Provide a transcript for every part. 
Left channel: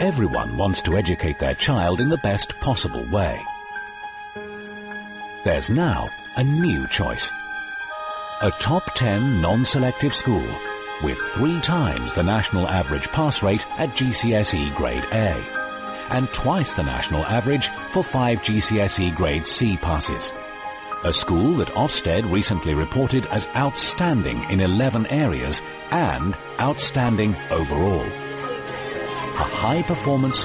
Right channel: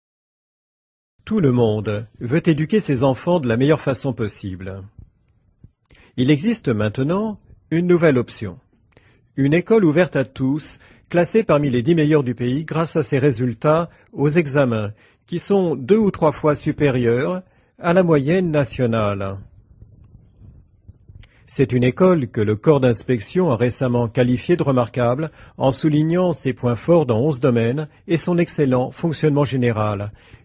Tout le monde veut éduquer ses enfants de la meilleure façon possible. Il existe maintenant une nouvelle option. Une école ouverte à tous, classée parmi les 10 meilleurs du pays grâce à ses résultats aux examens, qui sont 2 ou 3 fois supérieurs à la moyenne nationale. C'est une école que le corps d'inspection a récemment qualifiée de remarquable en soulignant ses points forts dans 11 domaines et son excellent fonctionnement général.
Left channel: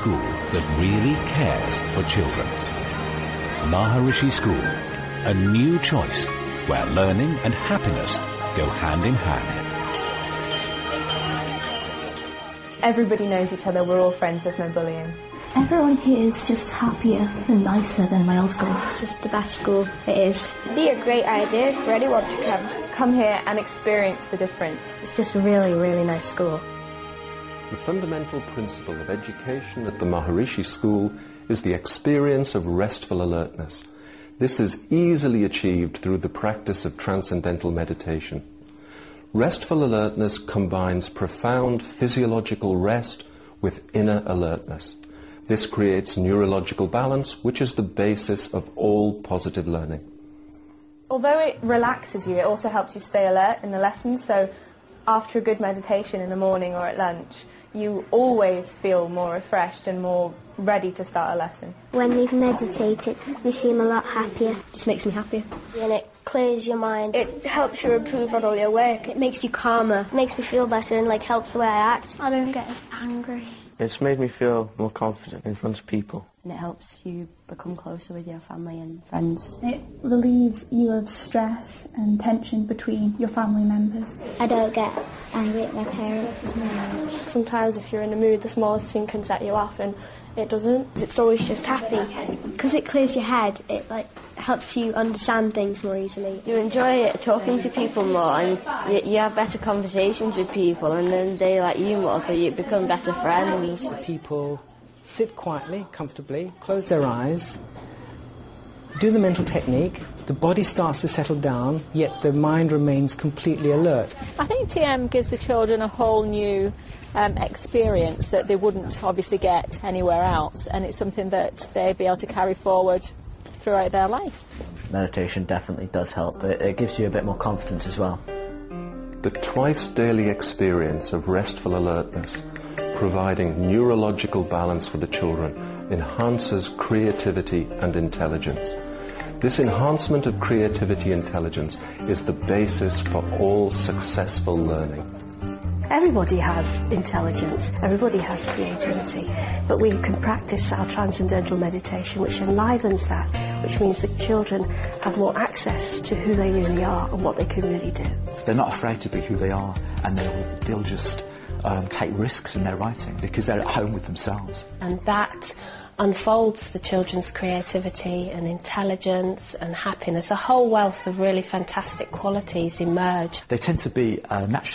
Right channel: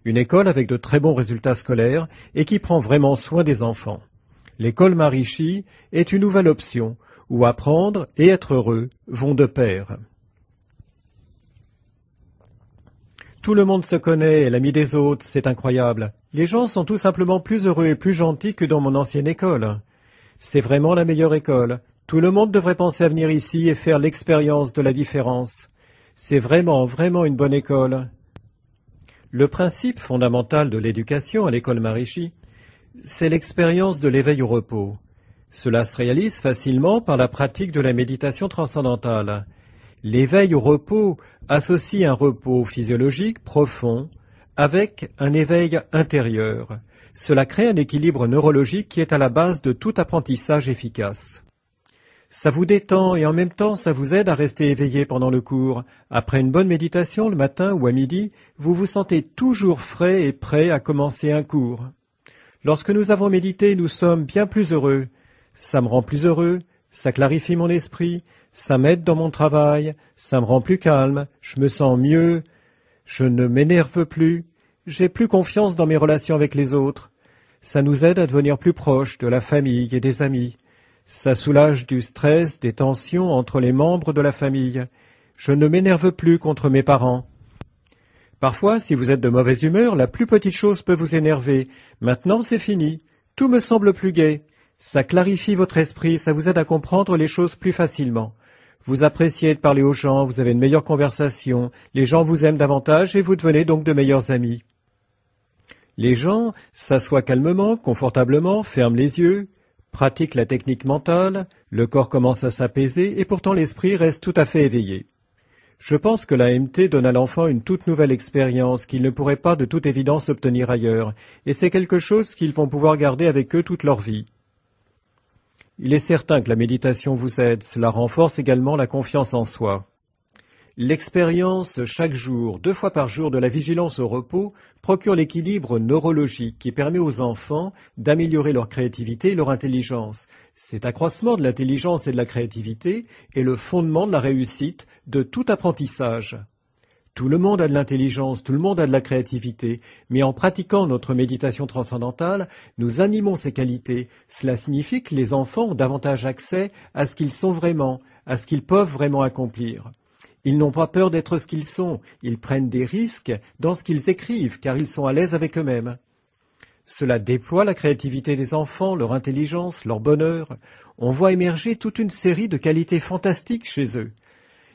Une école avec de très bons résultats scolaires et qui prend vraiment soin des enfants. L'école Maharishi est une nouvelle option où apprendre et être heureux vont de pair. Tout le monde se connaît, l'ami des autres, c'est incroyable. Les gens sont tout simplement plus heureux et plus gentils que dans mon ancienne école. C'est vraiment la meilleure école. Tout le monde devrait penser à venir ici et faire l'expérience de la différence. C'est vraiment une bonne école. Le principe fondamental de l'éducation à l'école Maharishi, c'est l'expérience de l'éveil au repos. Cela se réalise facilement par la pratique de la méditation transcendantale. L'éveil au repos associe un repos physiologique profond avec un éveil intérieur. Cela crée un équilibre neurologique qui est à la base de tout apprentissage efficace. Ça vous détend et en même temps ça vous aide à rester éveillé pendant le cours. Après une bonne méditation le matin ou à midi, vous vous sentez toujours frais et prêt à commencer un cours. Lorsque nous avons médité, nous sommes bien plus heureux. Ça me rend plus heureux, ça clarifie mon esprit, ça m'aide dans mon travail, ça me rend plus calme, je me sens mieux. Je ne m'énerve plus, j'ai plus confiance dans mes relations avec les autres. Ça nous aide à devenir plus proches de la famille et des amis. Ça soulage du stress, des tensions entre les membres de la famille. Je ne m'énerve plus contre mes parents. Parfois, si vous êtes de mauvaise humeur, la plus petite chose peut vous énerver. Maintenant, c'est fini. Tout me semble plus gai. Ça clarifie votre esprit, ça vous aide à comprendre les choses plus facilement. Vous appréciez de parler aux gens, vous avez une meilleure conversation, les gens vous aiment davantage et vous devenez donc de meilleurs amis. Les gens s'assoient calmement, confortablement, ferment les yeux, pratiquent la technique mentale, le corps commence à s'apaiser et pourtant l'esprit reste tout à fait éveillé. Je pense que l'AMT donne à l'enfant une toute nouvelle expérience qu'ils ne pourraient pas de toute évidence obtenir ailleurs. Et c'est quelque chose qu'ils vont pouvoir garder avec eux toute leur vie. Il est certain que la méditation vous aide. Cela renforce également la confiance en soi. L'expérience chaque jour, 2 fois par jour, de la vigilance au repos procure l'équilibre neurologique qui permet aux enfants d'améliorer leur créativité et leur intelligence. Cet accroissement de l'intelligence et de la créativité est le fondement de la réussite de tout apprentissage. Tout le monde a de l'intelligence, tout le monde a de la créativité, mais en pratiquant notre méditation transcendantale, nous animons ces qualités. Cela signifie que les enfants ont davantage accès à ce qu'ils sont vraiment, à ce qu'ils peuvent vraiment accomplir. Ils n'ont pas peur d'être ce qu'ils sont. Ils prennent des risques dans ce qu'ils écrivent, car ils sont à l'aise avec eux-mêmes. Cela déploie la créativité des enfants, leur intelligence, leur bonheur. On voit émerger toute une série de qualités fantastiques chez eux.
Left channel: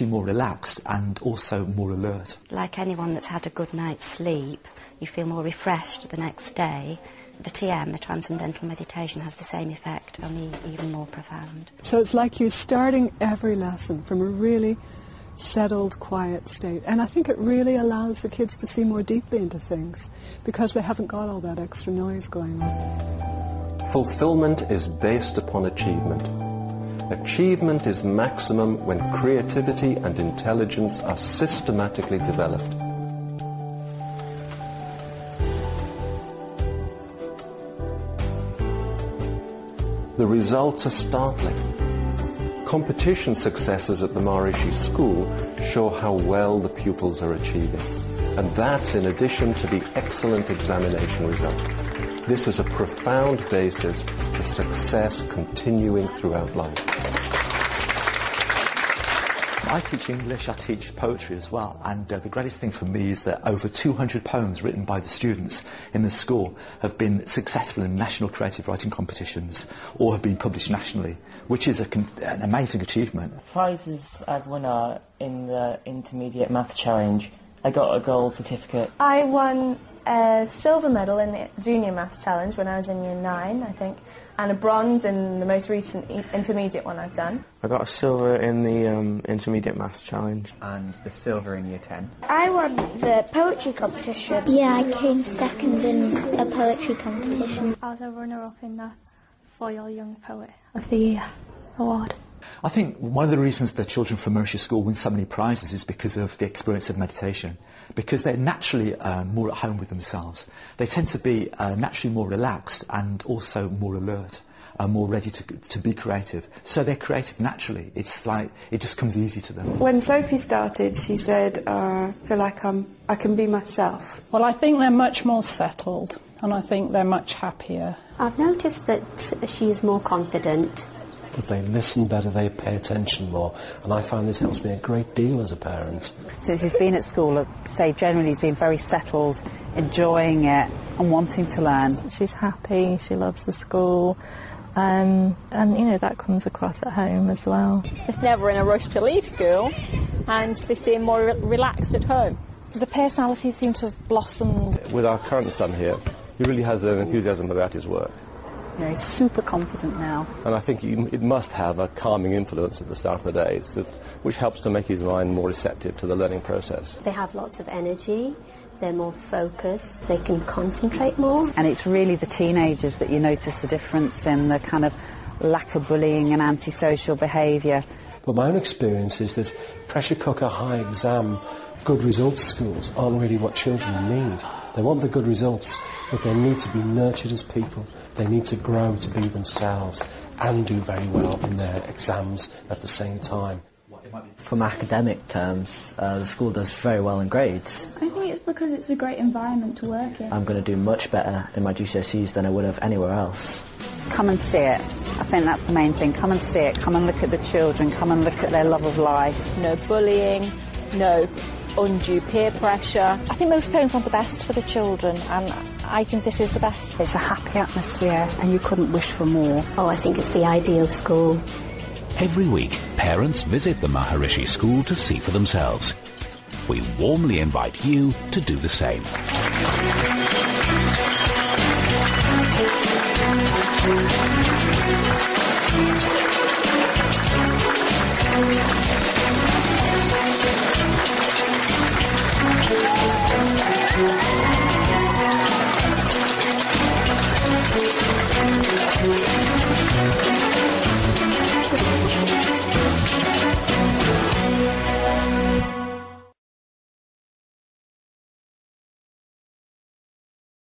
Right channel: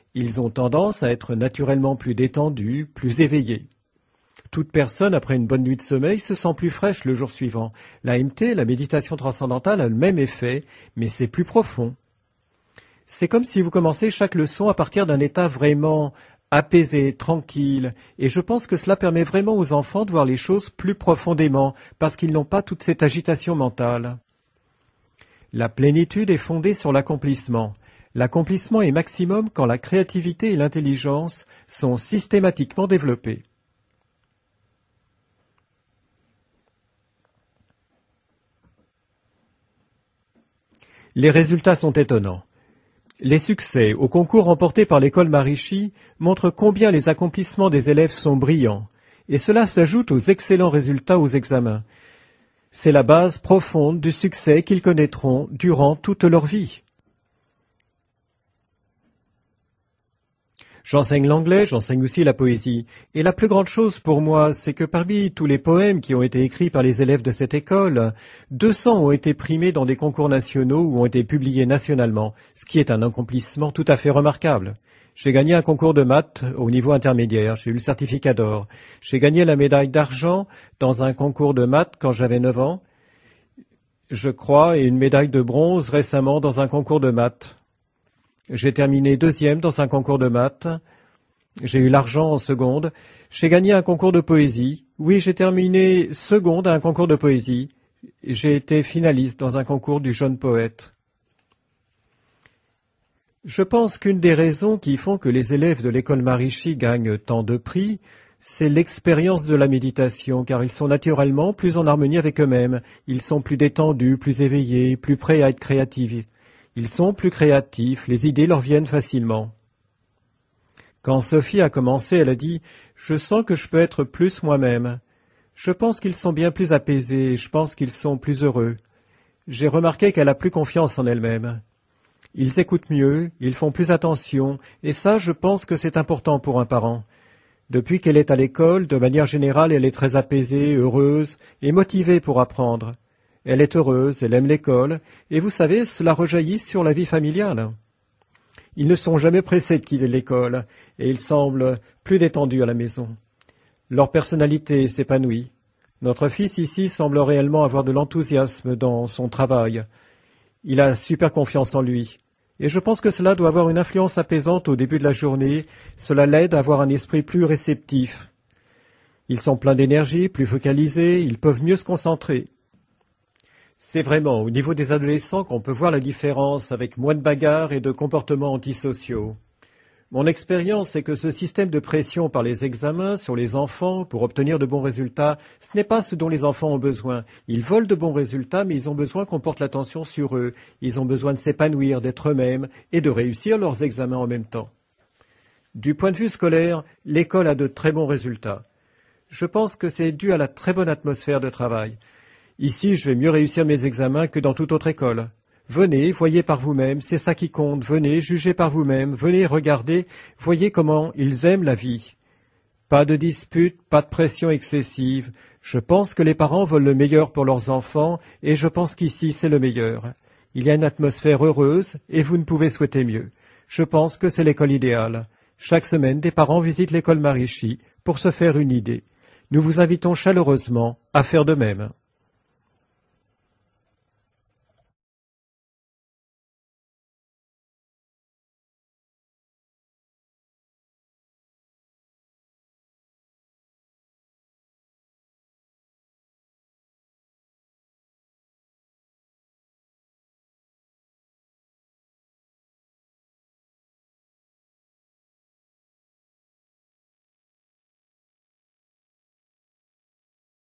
Ils ont tendance à être naturellement plus détendus, plus éveillés. Toute personne, après une bonne nuit de sommeil, se sent plus fraîche le jour suivant. L'AMT, la méditation transcendantale, a le même effet, mais c'est plus profond. C'est comme si vous commencez chaque leçon à partir d'un état vraiment apaisé, tranquille. Et je pense que cela permet vraiment aux enfants de voir les choses plus profondément, parce qu'ils n'ont pas toute cette agitation mentale. La plénitude est fondée sur l'accomplissement. L'accomplissement est maximum quand la créativité et l'intelligence sont systématiquement développées. Les résultats sont étonnants. Les succès au concours remportés par l'école Maharishi montrent combien les accomplissements des élèves sont brillants. Et cela s'ajoute aux excellents résultats aux examens. C'est la base profonde du succès qu'ils connaîtront durant toute leur vie. J'enseigne l'anglais, j'enseigne aussi la poésie. Et la plus grande chose pour moi, c'est que parmi tous les poèmes qui ont été écrits par les élèves de cette école, 200 ont été primés dans des concours nationaux ou ont été publiés nationalement, ce qui est un accomplissement tout à fait remarquable. J'ai gagné un concours de maths au niveau intermédiaire, j'ai eu le certificat d'or. J'ai gagné la médaille d'argent dans un concours de maths quand j'avais 9 ans, je crois, et une médaille de bronze récemment dans un concours de maths. J'ai terminé 2e dans un concours de maths. J'ai eu l'argent en seconde. J'ai gagné un concours de poésie. Oui, j'ai terminé seconde à un concours de poésie. J'ai été finaliste dans un concours du jeune poète. Je pense qu'une des raisons qui font que les élèves de l'école Maharishi gagnent tant de prix, c'est l'expérience de la méditation, car ils sont naturellement plus en harmonie avec eux-mêmes. Ils sont plus détendus, plus éveillés, plus prêts à être créatifs. Ils sont plus créatifs, les idées leur viennent facilement. Quand Sophie a commencé, elle a dit « Je sens que je peux être plus moi-même ». Je pense qu'ils sont bien plus apaisés, je pense qu'ils sont plus heureux. J'ai remarqué qu'elle a plus confiance en elle-même. Ils écoutent mieux, ils font plus attention, et ça, je pense que c'est important pour un parent. Depuis qu'elle est à l'école, de manière générale, elle est très apaisée, heureuse et motivée pour apprendre. Elle est heureuse, elle aime l'école, et vous savez, cela rejaillit sur la vie familiale. Ils ne sont jamais pressés de quitter l'école, et ils semblent plus détendus à la maison. Leur personnalité s'épanouit. Notre fils ici semble réellement avoir de l'enthousiasme dans son travail. Il a super confiance en lui. Et je pense que cela doit avoir une influence apaisante au début de la journée. Cela l'aide à avoir un esprit plus réceptif. Ils sont pleins d'énergie, plus focalisés, ils peuvent mieux se concentrer. C'est vraiment au niveau des adolescents qu'on peut voir la différence avec moins de bagarres et de comportements antisociaux. Mon expérience, c'est que ce système de pression par les examens sur les enfants pour obtenir de bons résultats, ce n'est pas ce dont les enfants ont besoin. Ils veulent de bons résultats, mais ils ont besoin qu'on porte attention sur eux. Ils ont besoin de s'épanouir, d'être eux-mêmes et de réussir leurs examens en même temps. Du point de vue scolaire, l'école a de très bons résultats. Je pense que c'est dû à la très bonne atmosphère de travail. Ici, je vais mieux réussir mes examens que dans toute autre école. Venez, voyez par vous-même, c'est ça qui compte. Venez, jugez par vous-même. Venez, regardez, voyez comment ils aiment la vie. Pas de disputes, pas de pression excessive. Je pense que les parents veulent le meilleur pour leurs enfants et je pense qu'ici, c'est le meilleur. Il y a une atmosphère heureuse et vous pouvez souhaiter mieux. Je pense que c'est l'école idéale. Chaque semaine, des parents visitent l'école Maharishi pour se faire une idée. Nous vous invitons chaleureusement à faire de même.